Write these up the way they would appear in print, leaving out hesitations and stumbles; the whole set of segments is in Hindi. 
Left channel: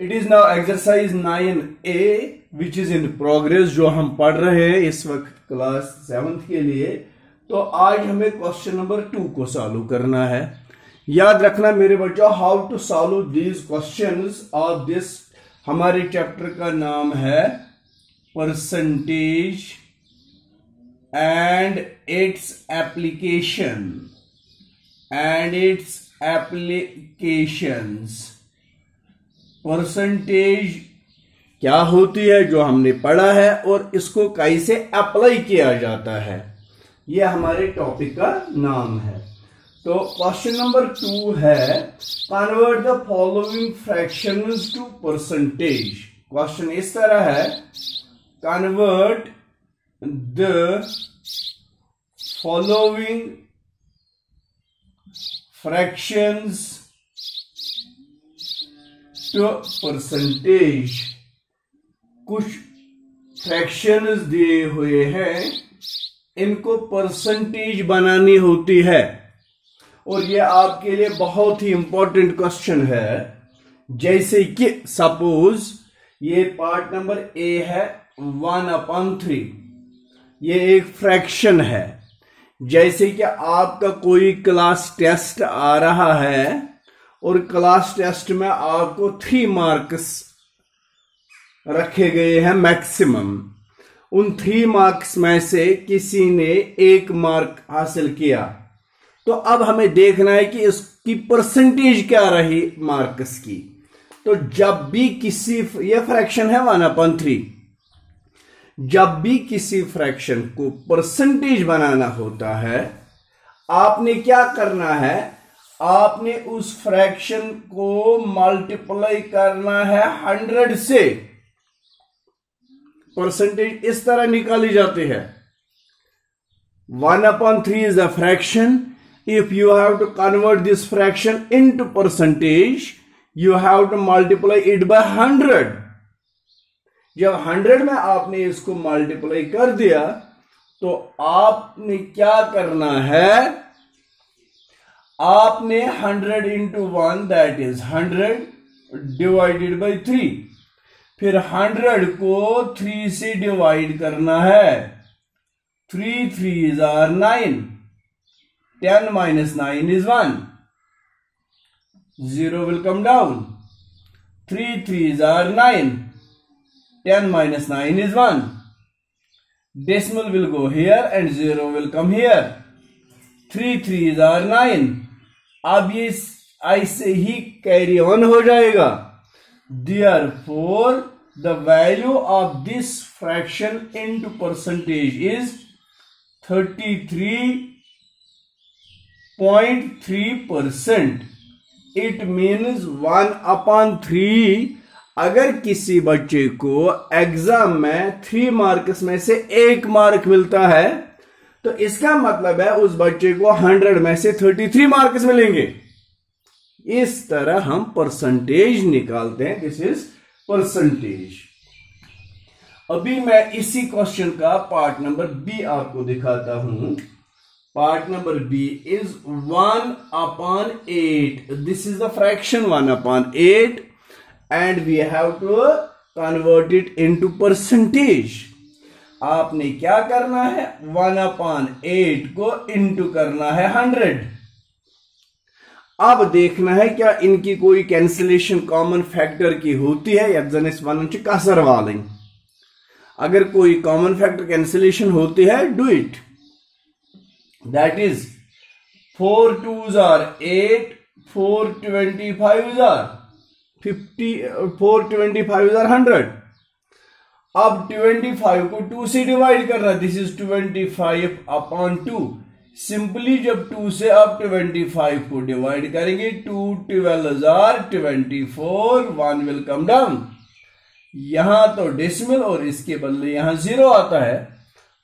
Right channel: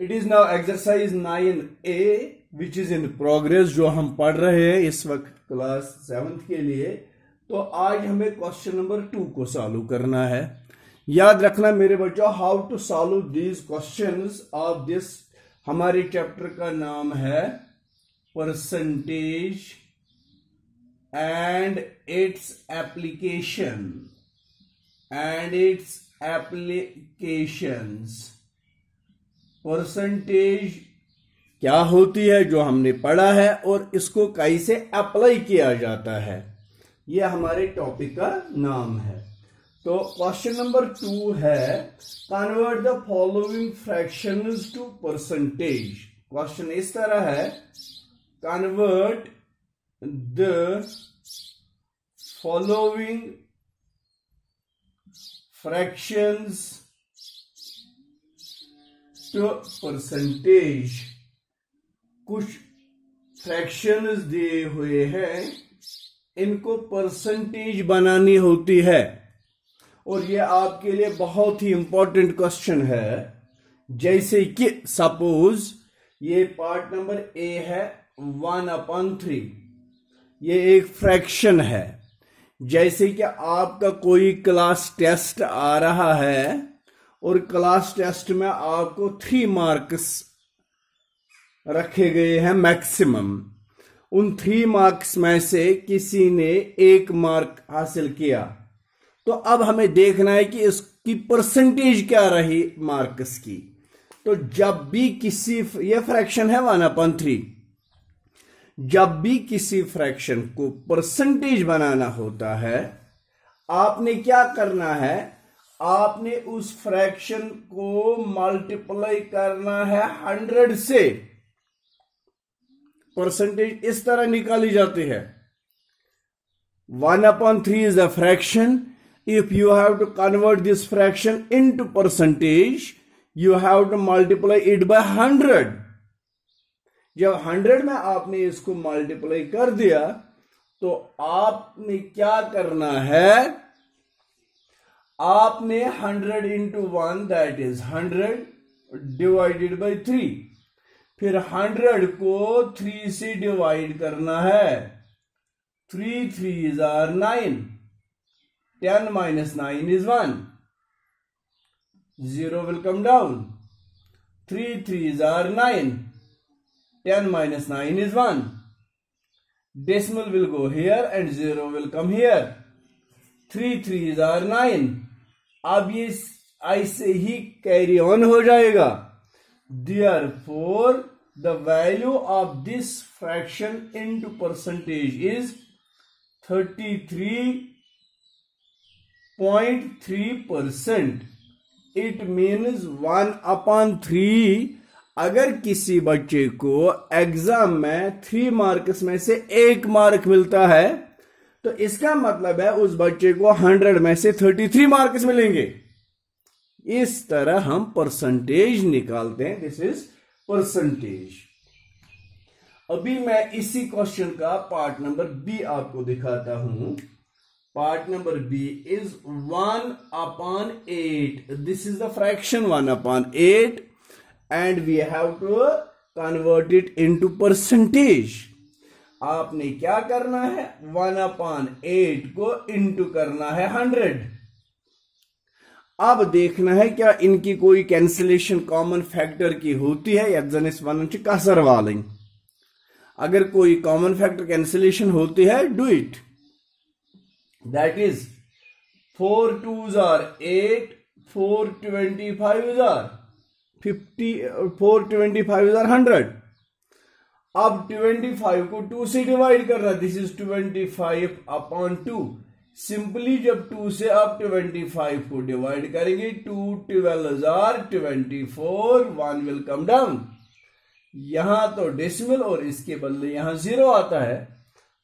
It is now exercise 9A which is in progress, जो हम पढ़ रहे हैं इस वक्त क्लास 7th के लिए। तो आज हमें क्वेश्चन नंबर 2 को सॉल्व करना है। याद रखना मेरे बच्चों, how to solve these questions of this. हमारे चैप्टर का नाम है percentage and its applications. Percentage क्या होती है जो हमने पढ़ा है और इसको कैसे अप्लाई किया जाता है, यह हमारे टॉपिक का नाम है। तो क्वेश्चन नंबर 2 है convert the following fractions to percentage. Question इस तरह है, convert the following fractions to percentage. कुछ फ्रैक्शंस दिए हुए हैं, इनको परसेंटेज बनानी होती है और यह आपके लिए बहुत ही इंपॉर्टेंट क्वेश्चन है। जैसे कि सपोज ये पार्ट नंबर A है 1/3, ये एक फ्रैक्शन है। जैसे कि आपका कोई क्लास टेस्ट आ रहा है और क्लास टेस्ट में आपको 3 मार्क्स रखे गए हैं मैक्सिमम। उन 3 मार्क्स में से किसी ने 1 मार्क हासिल किया, तो अब हमें देखना है कि इसकी परसेंटेज क्या रही मार्क्स की। तो जब भी किसी, ये फ्रैक्शन है 1/3, जब भी किसी फ्रैक्शन को परसेंटेज बनाना होता है, आपने क्या करना है, आपने उस फ्रैक्शन को मल्टीप्लाई करना है 100 से। परसेंटेज इस तरह निकाली जाती है। 1/3 is a fraction. If you have to convert this fraction into percentage, you have to multiply it by 100. जब 100 में आपने इसको मल्टीप्लाई कर दिया, तो आपने क्या करना है, आपने 100 into 1 that is 100 divided by 3, फिर 100 को 3 से डिवाइड करना है। 3 3s are 9, 10 minus 9 is 1, 0 will come down, 3 3s are 9, 10 minus 9 is 1, decimal will go here and 0 will come here, 3 3s are 9। अब ये ऐसे ही कैरी ऑन हो जाएगा। Therefore, the value of this fraction into percentage is 33.3%. It means 1/3। अगर किसी बच्चे को एग्जाम में 3 मार्क्स में से 1 मार्क मिलता है, तो इसका मतलब है उस बच्चे को 100 में से 33 मार्क्स मिलेंगे। इस तरह हम परसेंटेज निकालते हैं। This is percentage. अभी मैं इसी क्वेश्चन का पार्ट नंबर B आपको दिखाता हूं। Part number B is 1/8। This is the fraction 1/8 and we have to convert it into percentage. आपने क्या करना है, 1/8 को इनटू करना है 100। अब देखना है क्या इनकी कोई कैंसिलेशन कॉमन फैक्टर की होती है या जनिस वन कसर वाली। अगर कोई कॉमन फैक्टर कैंसिलेशन होती है, do it. That is 4 2s are 8, 4 25s are 50, 4 25s are 100। अब 25 को 2 से डिवाइड करना, दिस इज 25/2। सिंपली जब 2 से आप 25 को डिवाइड करेंगे, 2 12s are 24, 1 will come down। यहां तो डेसिमल और इसके बदले यहां 0 आता है।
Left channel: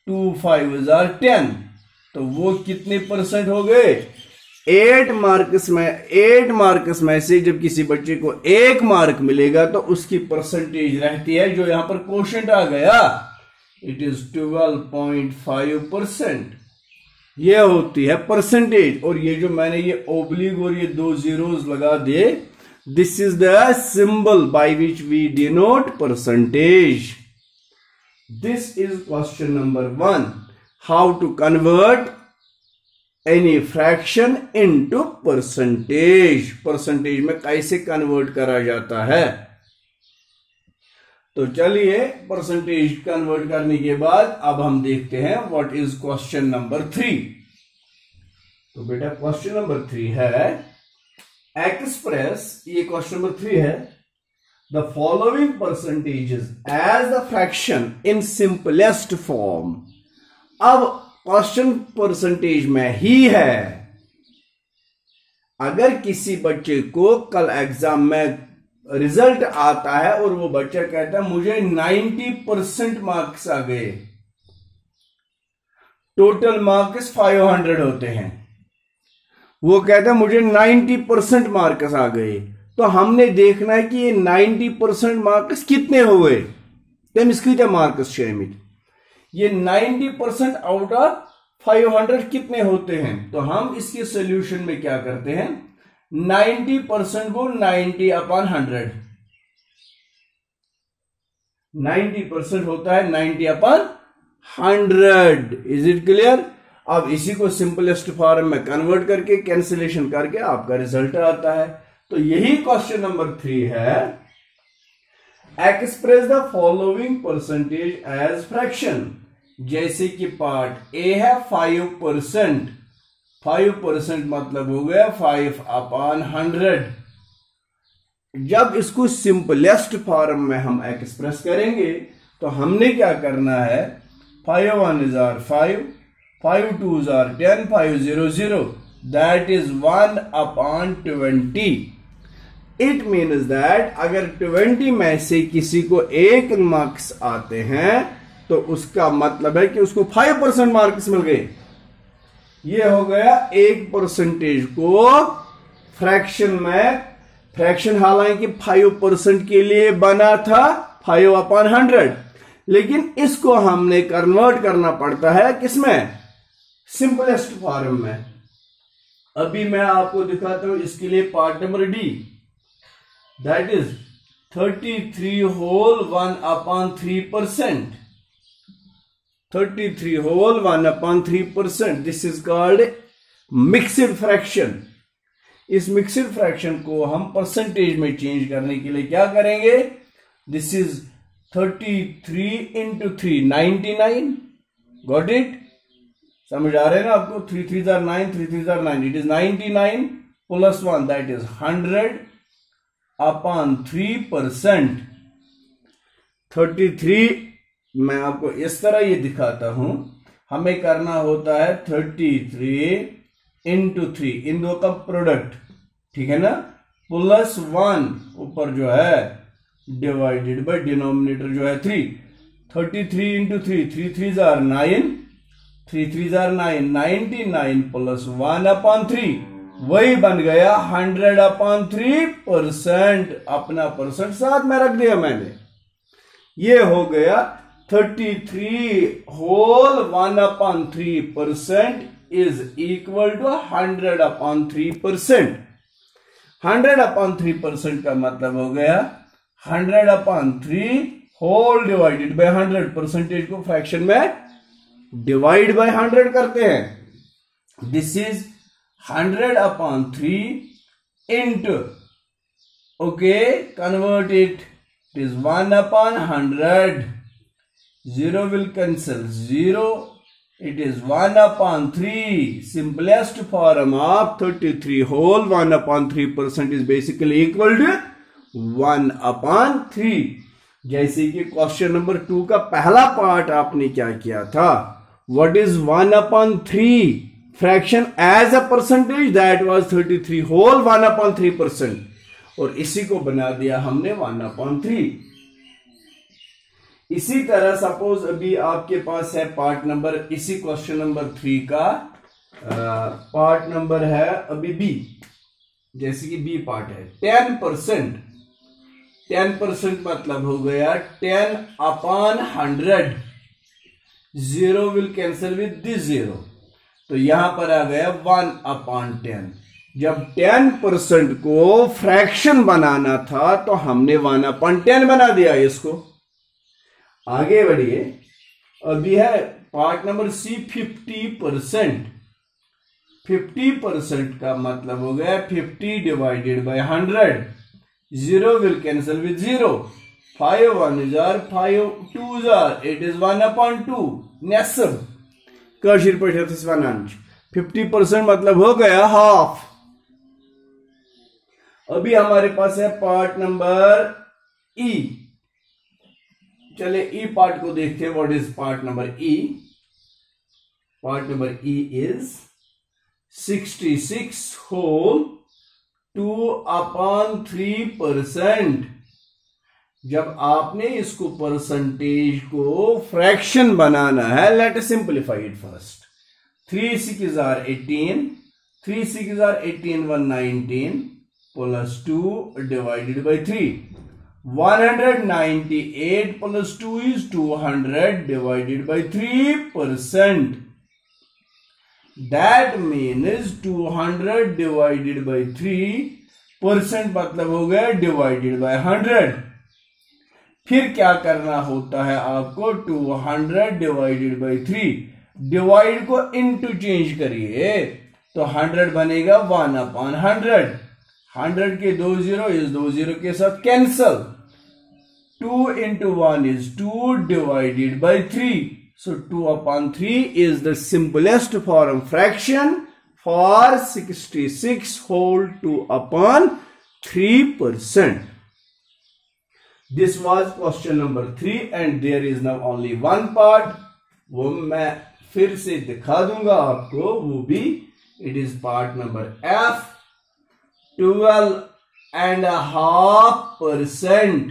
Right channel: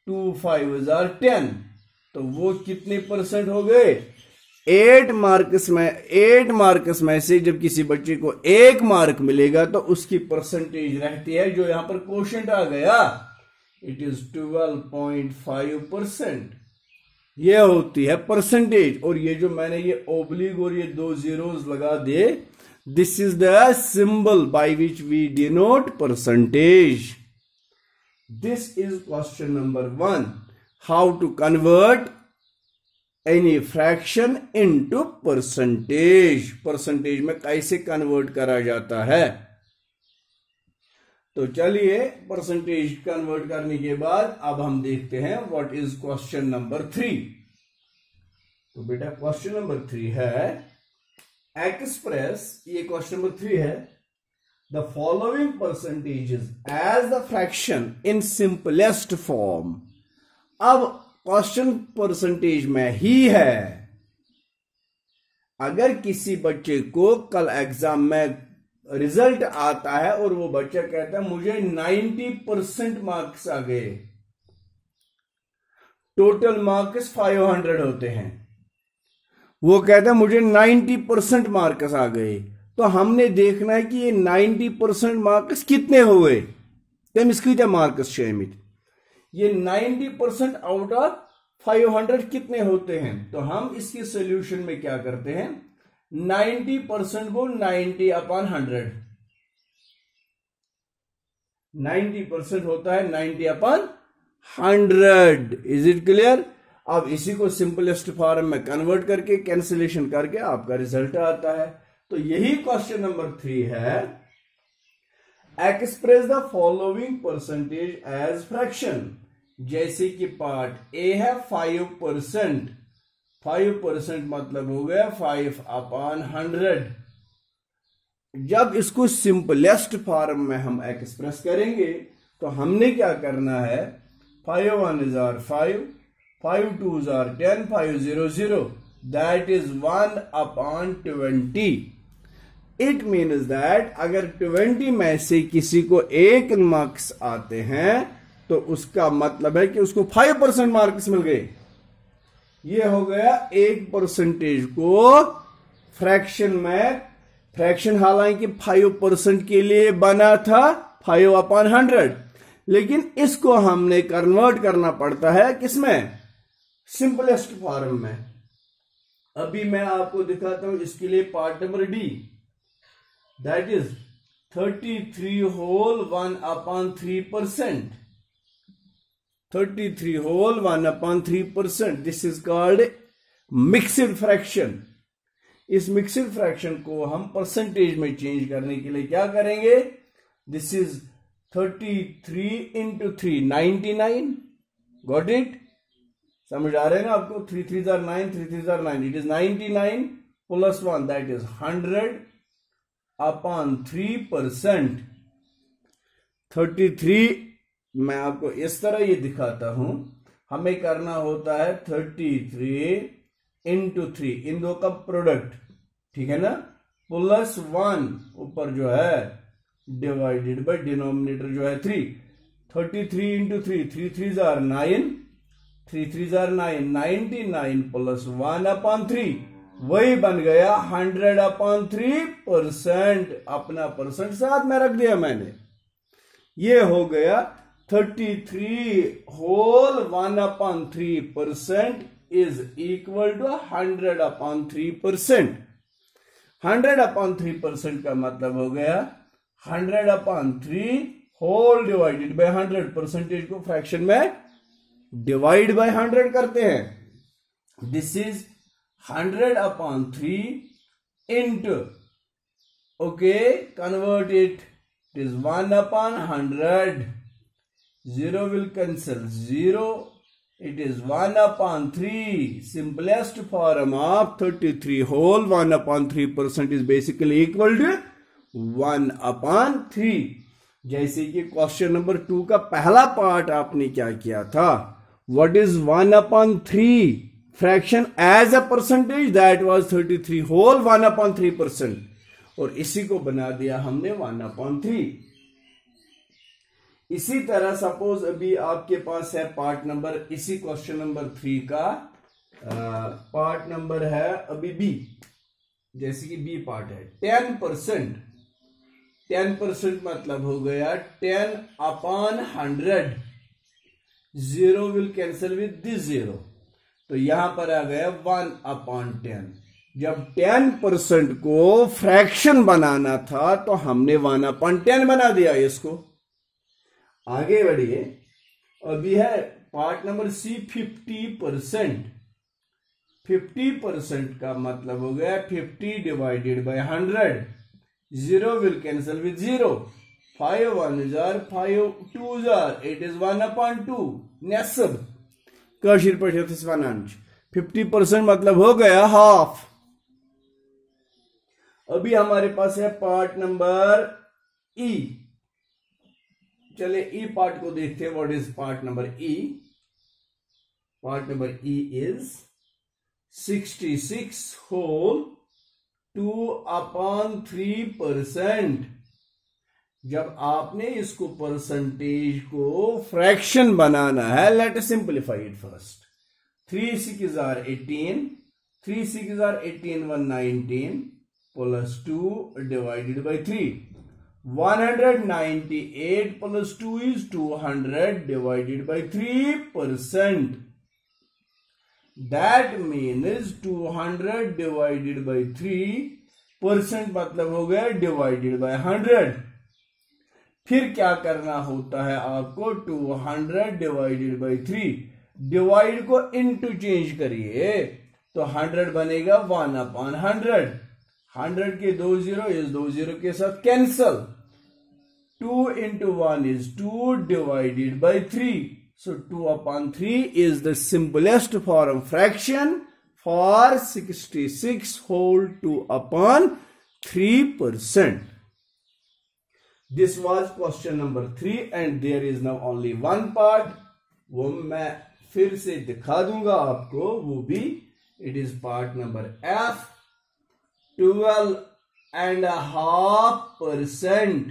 2 5s are 10, तो वो कितने परसेंट हो गए, 8 मार्क्स में से जब किसी बच्चे को 1 मार्क मिलेगा तो उसकी परसेंटेज रहती है, जो यहां पर क्वोशिएंट आ गया, इट इज 12.5%। ये होती है परसेंटेज। और ये जो मैंने ये ओब्लिक और ये 2 जीरोस लगा दिए, This is the symbol by which we denote percentage. This is question number 1. How to convert any fraction into percentage. Percentage में कैसे कन्वर्ट करा जाता है। तो चलिए परसेंटेज कन्वर्ट करने के बाद अब हम देखते हैं व्हाट इज क्वेश्चन नंबर 3। तो बेटा क्वेश्चन नंबर 3 है एक्सप्रेस, ये क्वेश्चन नंबर 3 है, the following percentages as the fraction in simplest form. अब क्वेश्चन परसेंटेज में ही है। अगर किसी बच्चे को कल एग्जाम में रिजल्ट आता है और वो बच्चा कहता है मुझे 90% मार्क्स आ गए, टोटल मार्क्स 500 होते हैं, वो कहता है मुझे 90% मार्क्स आ गए, तो हमने देखना है कि ये 90% मार्क्स कितने हुए। तमिस मार्क्स ये 90% आउट ऑफ 500 कितने होते हैं। तो हम इसके सोल्यूशन में क्या करते हैं, 90% को 90/100, 90% होता है 90/100। Is it clear. अब इसी को सिंपलेस्ट फॉर्म में कन्वर्ट करके कैंसिलेशन करके आपका रिजल्ट आता है। तो यही क्वेश्चन नंबर 3 है, express the following percentage as fraction. जैसे कि पार्ट ए है 5%, 5% मतलब हो गया 5/100। जब इसको सिंपलेस्ट फॉर्म में हम एक्सप्रेस करेंगे तो हमने क्या करना है, 5 1 are 5, 5 2 are 10, 5 0 0, that is 1/20। It means that अगर 20 में से किसी को 1 मार्क्स आते हैं तो उसका मतलब है कि उसको 5% मार्क्स मिल गए। ये हो गया 1% को फ्रैक्शन में, फ्रैक्शन हालांकि 5% के लिए बना था 5/100, लेकिन इसको हमने कन्वर्ट करना पड़ता है किसमें, सिंपलेस्ट फॉर्म में। अभी मैं आपको दिखाता हूं इसके लिए part number D, that is 33 whole 1/3%, 33 whole 1/3%। This is called mixed fraction. इस मिक्स्ड फ्रैक्शन को हम परसेंटेज में चेंज करने के लिए क्या करेंगे, this is 33 into 3 99। Got it, समझ आ रहे हैं ना आपको। 3 3 are 9, 3 3 are 9, it is 99 plus 1 that is 100/3%। 33 मैं आपको इस तरह ये दिखाता हूं, हमें करना होता है 33 into 3, इन दो का प्रोडक्ट, ठीक है ना, प्लस 1 ऊपर जो है डिवाइडेड बाय डिनोमिनेटर जो है 3। 33 into 3, 3 3 are 9, 3 3 are 9, 99 plus 1/3, वही बन गया 100/3%। अपना परसेंट साथ में रख दिया मैंने। ये हो गया 33 whole 1/3% is equal to 100/3%। 100/3% का मतलब हो गया 100/3 होल डिवाइडेड बाय 100। परसेंटेज को फ्रैक्शन में डिवाइड बाय 100 करते हैं। This is 100/3 into, okay, convert it is 1/100, 0 will cancel 0, it is 1/3। simplest form of 33 whole 1/3% is basically equal to 1/3। जैसे कि क्वेश्चन नंबर 2 का पहला पार्ट आपने क्या किया था, what is 1/3 fraction as a percentage, that was 33 whole 1/3%, और इसी को बना दिया हमने 1/3। इसी तरह सपोज अभी आपके पास है पार्ट नंबर, इसी क्वेश्चन नंबर 3 का पार्ट नंबर है अभी बी, जैसे कि बी पार्ट है 10%। 10% मतलब हो गया 10/100, 0 विल कैंसिल विद दिस 0, तो यहां पर आ गया 1/10। जब 10% को फ्रैक्शन बनाना था तो हमने 1/10 बना दिया इसको। आगे बढ़िए, अभी है पार्ट नंबर सी 50%। 50% का मतलब हो गया 50 divided by 100। 0 will cancel with 0. 5 1s are 5 2s are, it is 1/2 नेसब Kashir पे 50% मतलब हो गया हाफ। अभी हमारे पास है पार्ट नंबर ई। चले ई पार्ट को देखते हैं। What is part number E? Part number E is 66 whole 2/3%। जब आपने इसको परसेंटेज को फ्रैक्शन बनाना है, let us simplify it first. 3 6 are 18, 3 6 are 18 119 plus 2 divided by 3. 198 plus 2 is 200 divided by 3%. That means 200 divided by 3% मतलब हो गया divided by 100। फिर क्या करना होता है आपको? 200 डिवाइडेड बाई 3, डिवाइड को इंटू चेंज करिए तो 100 बनेगा 1/100। 100 के 2 0 इस 2 0 के साथ cancel. 2 into 1 is 2 divided by 3. So 2/3 is the simplest form fraction for 66 whole 2/3%. This was question number 3 and there is now only one part. वो मैं फिर से दिखा दूंगा आपको, वो भी it is part number F, 12.5%।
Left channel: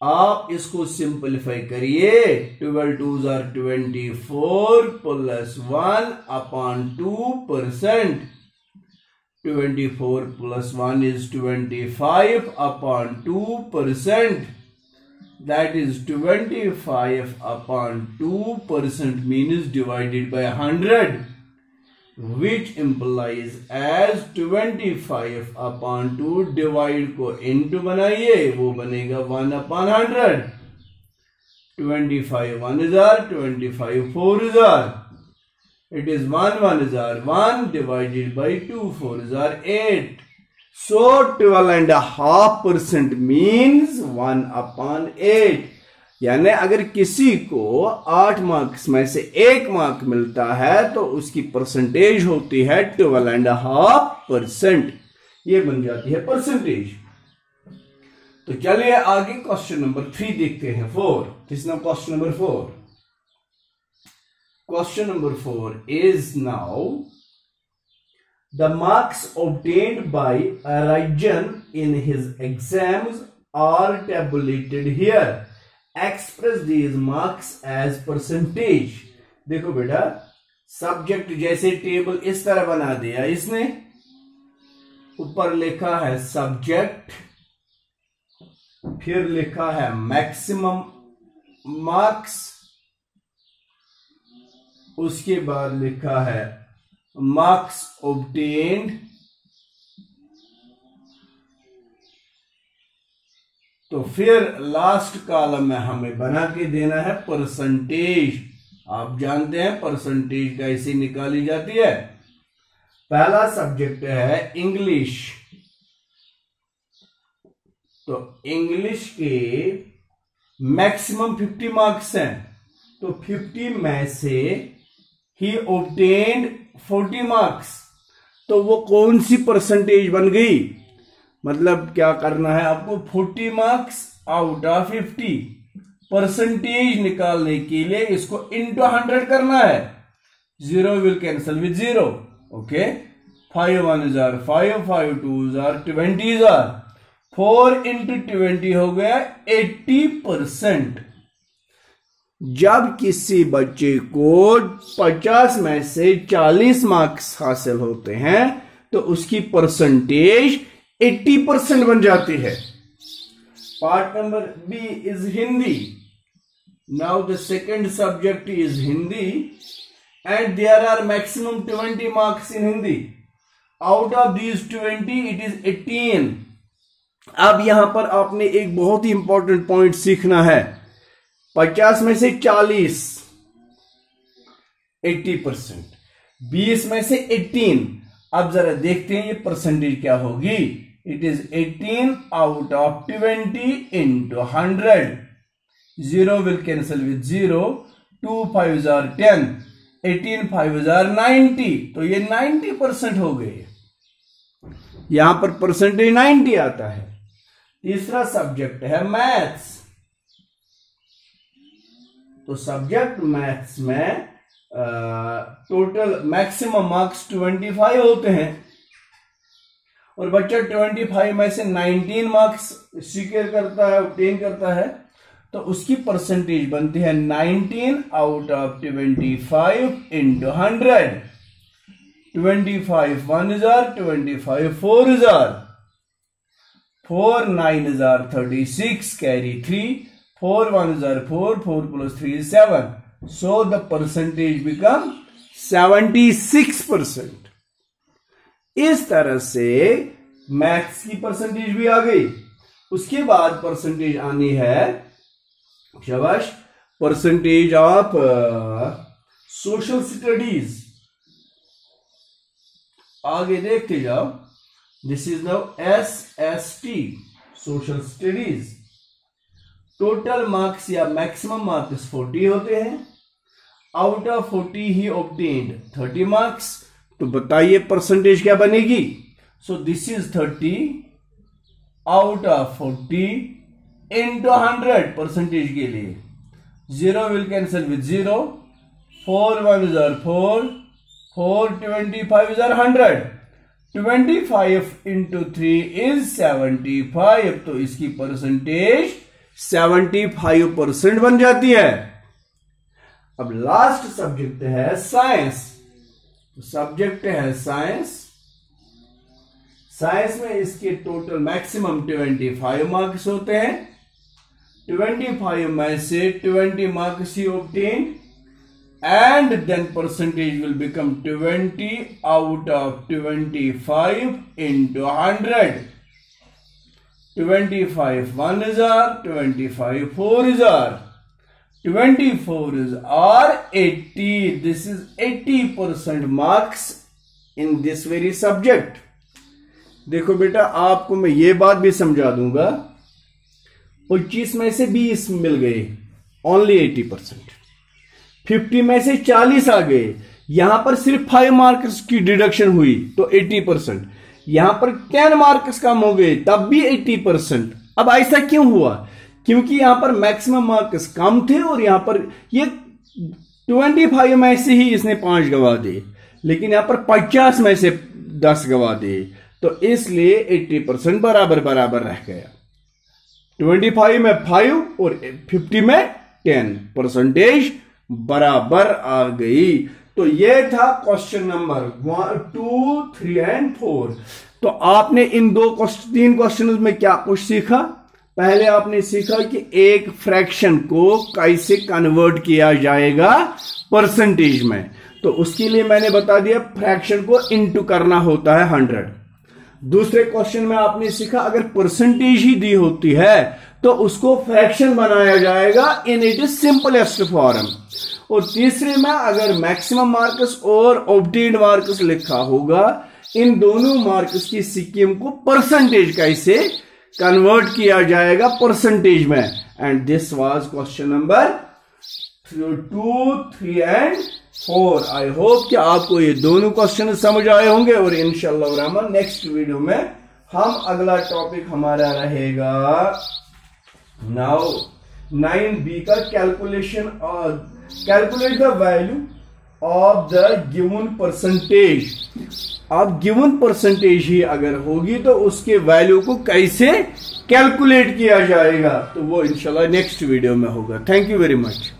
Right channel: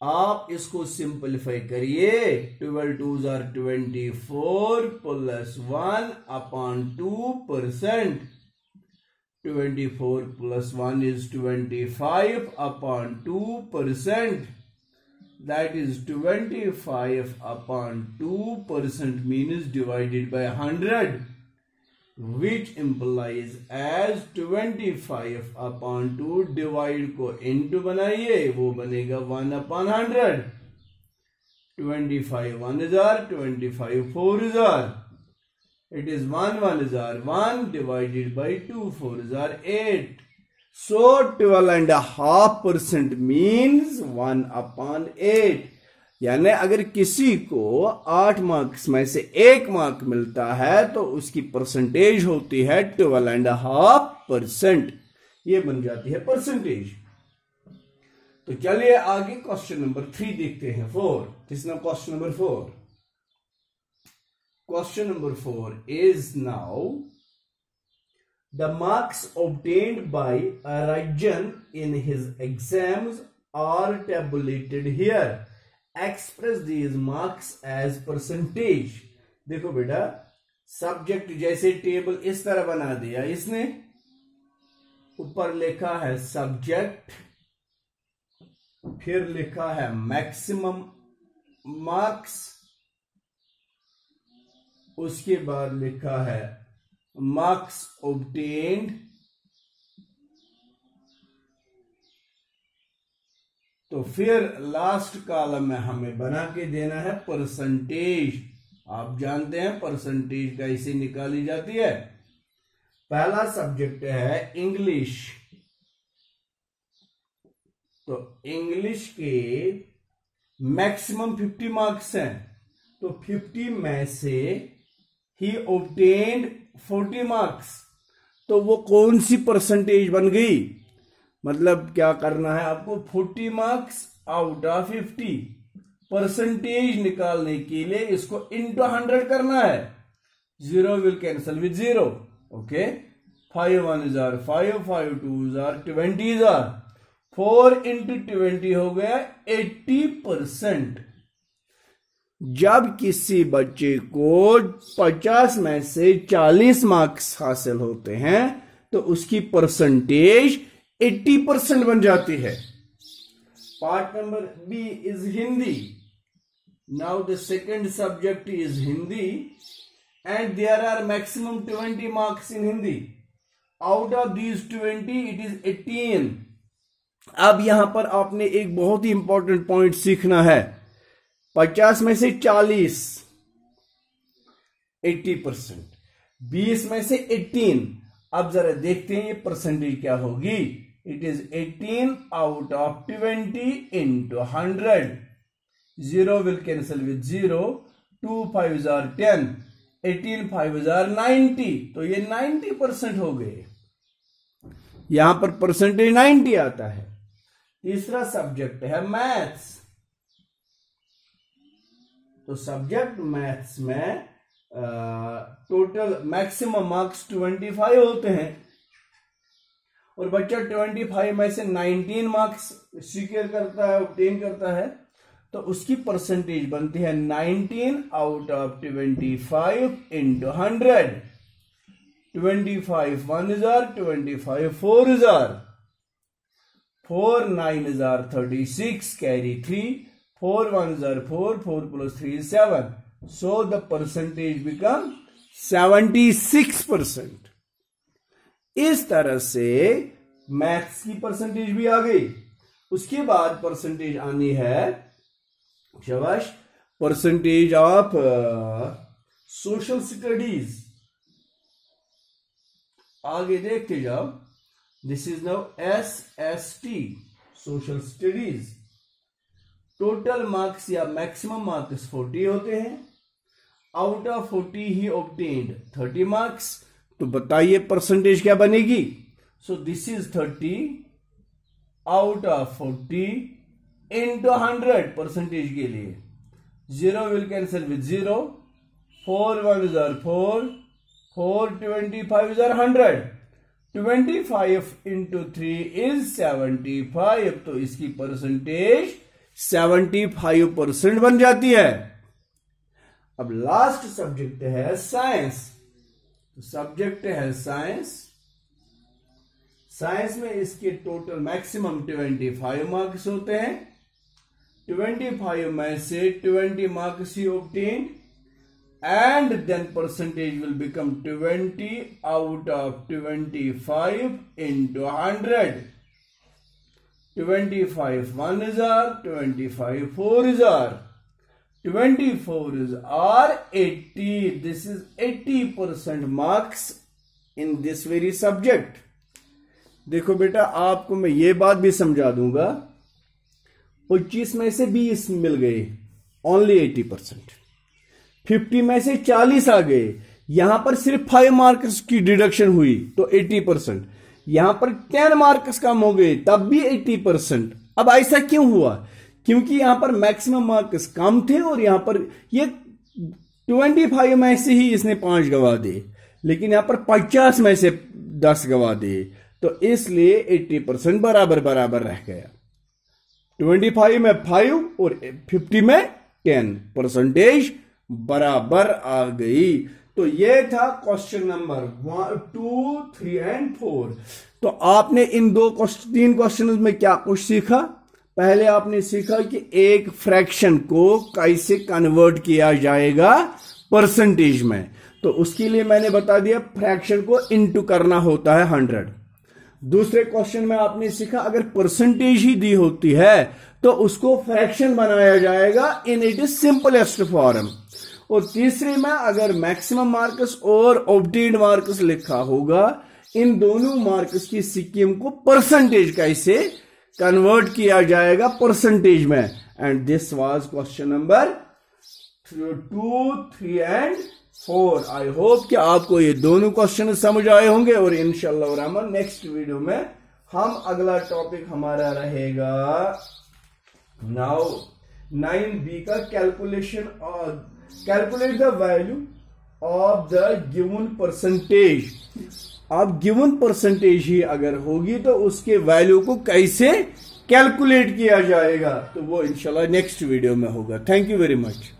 आप इसको सिंपलीफाई करिए। 12 2s are 24 plus 1/2%। 24 plus 1 is 25/2%. That is 25/2% means divided by 100, which implies as 25/2 divide को into बनाइए, वो बनेगा 1/100। 25 1s are 25 4s are, it is 1 1s are 1 divided by 2 4s are 8. So 12.5% means 1/8। यानी अगर किसी को 8 मार्क्स में से 1 मार्क मिलता है तो उसकी परसेंटेज होती है 12.5%। ये बन जाती है परसेंटेज। तो चलिए आगे क्वेश्चन नंबर 3 देखते हैं। 4 Kisna question number 4? Question number 4 is now the marks obtained by Rajan in his exams are tabulated here. Express these marks as percentage. देखो बेटा, सब्जेक्ट जैसे टेबल इस तरह बना दिया इसने। ऊपर लिखा है सब्जेक्ट, फिर लिखा है मैक्सिमम मार्क्स, उसके बाद लिखा है मार्क्स ऑब्टेन्ड, तो फिर लास्ट कॉलम में हमें बना के देना है परसेंटेज। आप जानते हैं परसेंटेज कैसे निकाली जाती है। पहला सब्जेक्ट है इंग्लिश, तो इंग्लिश के मैक्सिमम 50 मार्क्स हैं, तो 50 में से ही obtained 40 मार्क्स, तो वो कौन सी परसेंटेज बन गई? मतलब क्या करना है आपको? 40 मार्क्स आउट ऑफ 50 परसेंटेज निकालने के लिए इसको इंटू 100 करना है। 0 will cancel with 0। Okay, 5 1s are 5 5 2s are 20s are 4 into 20 हो गया 80%। जब किसी बच्चे को 50 में से 40 मार्क्स हासिल होते हैं तो उसकी परसेंटेज 80% बन जाती है। Part number B is Hindi. Now the second subject is Hindi and there are maximum 20 marks in Hindi. Out of these 20 it is 18। अब यहां पर आपने एक बहुत ही इंपॉर्टेंट पॉइंट सीखना है। 50 में से 40 80%, 20 में से 18। अब जरा देखते हैं ये परसेंटेज क्या होगी। It is 18 out of 20 into 100। 0 will cancel with 0, 2 5s are 10, 18 5s are 90, तो ये 90% हो गए। यहां पर परसेंटेज 90 आता है। तीसरा सब्जेक्ट है मैथ्स। तो सब्जेक्ट मैथ्स में टोटल मैक्सिमम मार्क्स 25 होते हैं और बच्चा 25 में से 19 मार्क्स सिक्योर करता है, ऑब्टेन करता है, तो उसकी परसेंटेज बनती है 19 out of 25 into 100। 25 1s are 25 4s are 4 9s are 36, carry 3, 4 1s are 4, 4 plus 3 is 7, so the percentage become 76%। इस तरह से मैथ्स की परसेंटेज भी आ गई। उसके बाद परसेंटेज आनी है शाबाश परसेंटेज ऑफ सोशल स्टडीज। आगे देखते जाओ। This is now SST social studies. Total marks या मैक्सिमम मार्क्स 40 होते हैं। Out of 40 he obtained 30 marks. तो बताइए परसेंटेज क्या बनेगी। So this is 30 out of 40 into 100 percentage के लिए। 0 will cancel with 0, 4 1s are 4, 4 25s are 100, 25 into 3 is 75, तो इसकी परसेंटेज 75% बन जाती है। अब लास्ट सब्जेक्ट है साइंस। सब्जेक्ट है साइंस। साइंस में इसके टोटल मैक्सिमम 25 मार्क्स होते हैं। 25 में से 20 मार्क्स ही obtain and then percentage will become 20 out of 25 into 100। 25 1s are 25 4s are 24s are 80। This is 80% marks in this very subject। देखो बेटा आपको मैं ये बात भी समझा दूंगा। 25 में से 20 मिल गए, ओनली 80%। 50 में से 40 आ गए, यहां पर सिर्फ 5 मार्क्स की डिडक्शन हुई तो 80%। यहां पर 10 मार्क्स कम हो गए तब भी 80%। अब ऐसा क्यों हुआ? क्योंकि यहां पर मैक्सिमम मार्क्स कम थे और यहां पर ये 25 में से ही इसने 5 गवा दिए, लेकिन यहां पर 50 में से 10 गवा दिए, तो इसलिए 80% बराबर बराबर रह गया। 25 में 5 और 50 में 10 परसेंटेज बराबर आ गई। तो ये था क्वेश्चन नंबर 1 2 3 एंड 4। तो आपने इन 3 क्वेश्चन में क्या कुछ सीखा? पहले आपने सीखा कि एक फ्रैक्शन को कैसे कन्वर्ट किया जाएगा परसेंटेज में। तो उसके लिए मैंने बता दिया फ्रैक्शन को इनटू करना होता है 100। दूसरे क्वेश्चन में आपने सीखा अगर परसेंटेज ही दी होती है तो उसको फ्रैक्शन बनाया जाएगा in it is simplest form. और तीसरे में अगर मैक्सिमम मार्क्स और ऑब्टेन्ड मार्क्स लिखा होगा, इन दोनों मार्क्स की स्कीम को परसेंटेज कैसे कन्वर्ट किया जाएगा परसेंटेज में। And this was question number 2 3 and 4। I hope कि आपको ये दोनों क्वेश्चन समझ आए होंगे और इंशाअल्लाह रहमान नेक्स्ट वीडियो में हम अगला टॉपिक हमारा रहेगा नाउ 9B का कैलकुलेशन और calculate the value of the given percentage. अब गिवन परसेंटेज ही अगर होगी तो उसके वैल्यू को कैसे कैलकुलेट किया जाएगा, तो वो इंशाल्लाह नेक्स्ट वीडियो में होगा। Thank you very much.